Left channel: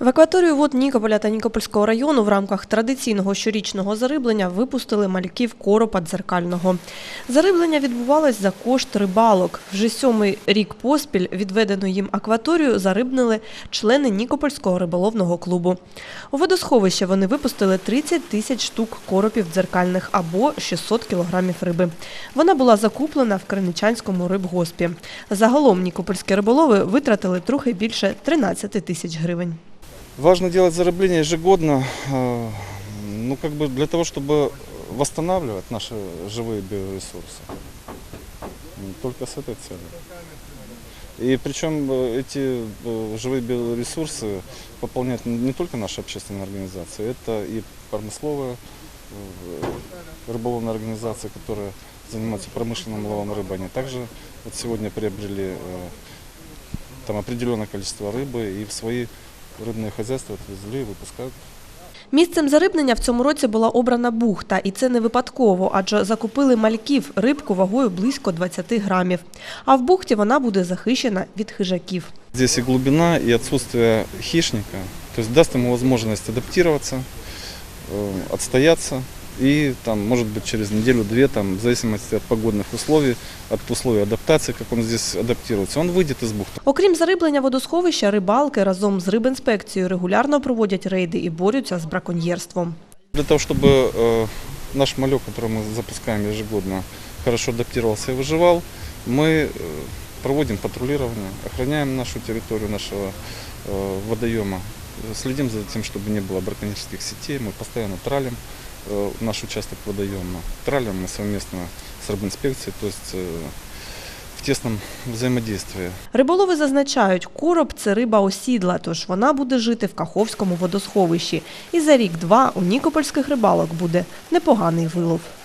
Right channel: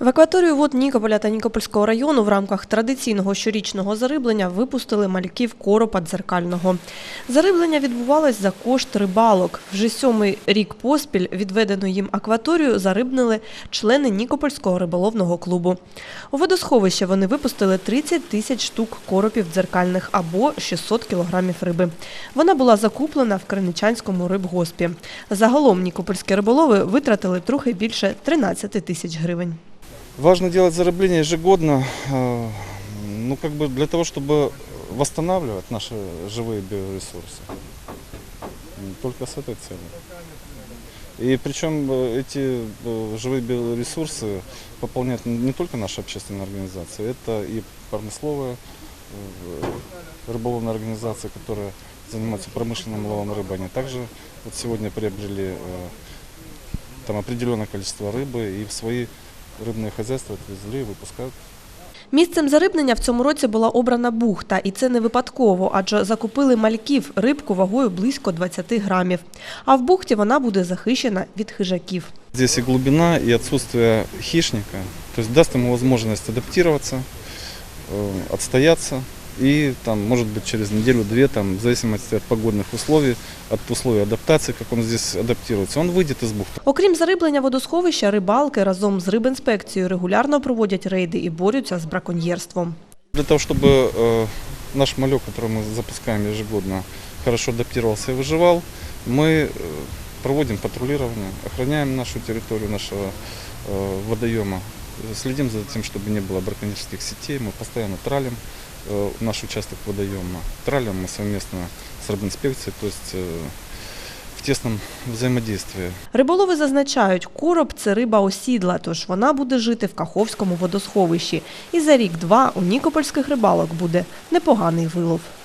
В акваторію вод Нікополя та Нікопольського району в рамках традиційного щорічного зариблення випустили мальків коропа дзеркального. Зариблення відбувалось за кошт рибалок. Вже сьомий рік поспіль відведену їм акваторію зарибнили члени Нікопольського риболовного клубу. У водосховище вони випустили 30 тисяч штук коропів дзеркальних або 600 кілограмів риби. Вона була закуплена в Криничанському рибгоспі. Загалом нікопольські риболови витратили трохи більше 13 тисяч гривень. Важно делать зарыбление ежегодно, э, ну как бы для того, чтобы восстанавливать наши живые биоресурсы. Только с этой целью. И причем э, эти э, живые биоресурсы пополняют не только наши общественные организации, это и промысловые рыболовные организации, которые занимаются промышленным ловом рыбы. Они также вот сегодня приобрели там определенное количество рыбы и в свои рыбные хозяйства отвезли и выпускают. Місцем зарибнення в цьому році була обрана бухта, і це не випадково, адже закупили мальків рибку вагою близько 20 грамів. А в бухті вона буде захищена від хижаків. Здесь и глубина, и отсутствие хищника, то есть даст ему возможность адаптироваться, э, отстояться и там, может быть, через неделю-две, там, в зависимости от погодных условий, от условий адаптации, как он здесь адаптируется, он выйдет из бухты. Окрім зариблення водосховища, рибалки разом з рибінспекцією регулярно проводять рейди і борються з браконьєрством. Для того, чтобы э, наш малек, который мы запускаем ежегодно, хорошо адаптировался и выживал, мы э, проводим патрулирование, охраняем нашу территорию нашего э, водоема, следим за тем, чтобы не было браконьерских сетей, мы постоянно тралим э, наш участок водоема. Тралим мы совместно с рыбинспекцией, то есть э, в тесном взаимодействии. Риболови зазначають, короб – це риба осідла, тож вона буде жити в Каховському водосховищі. І за рік-два у нікопольських рибалок буде непоганий вилов.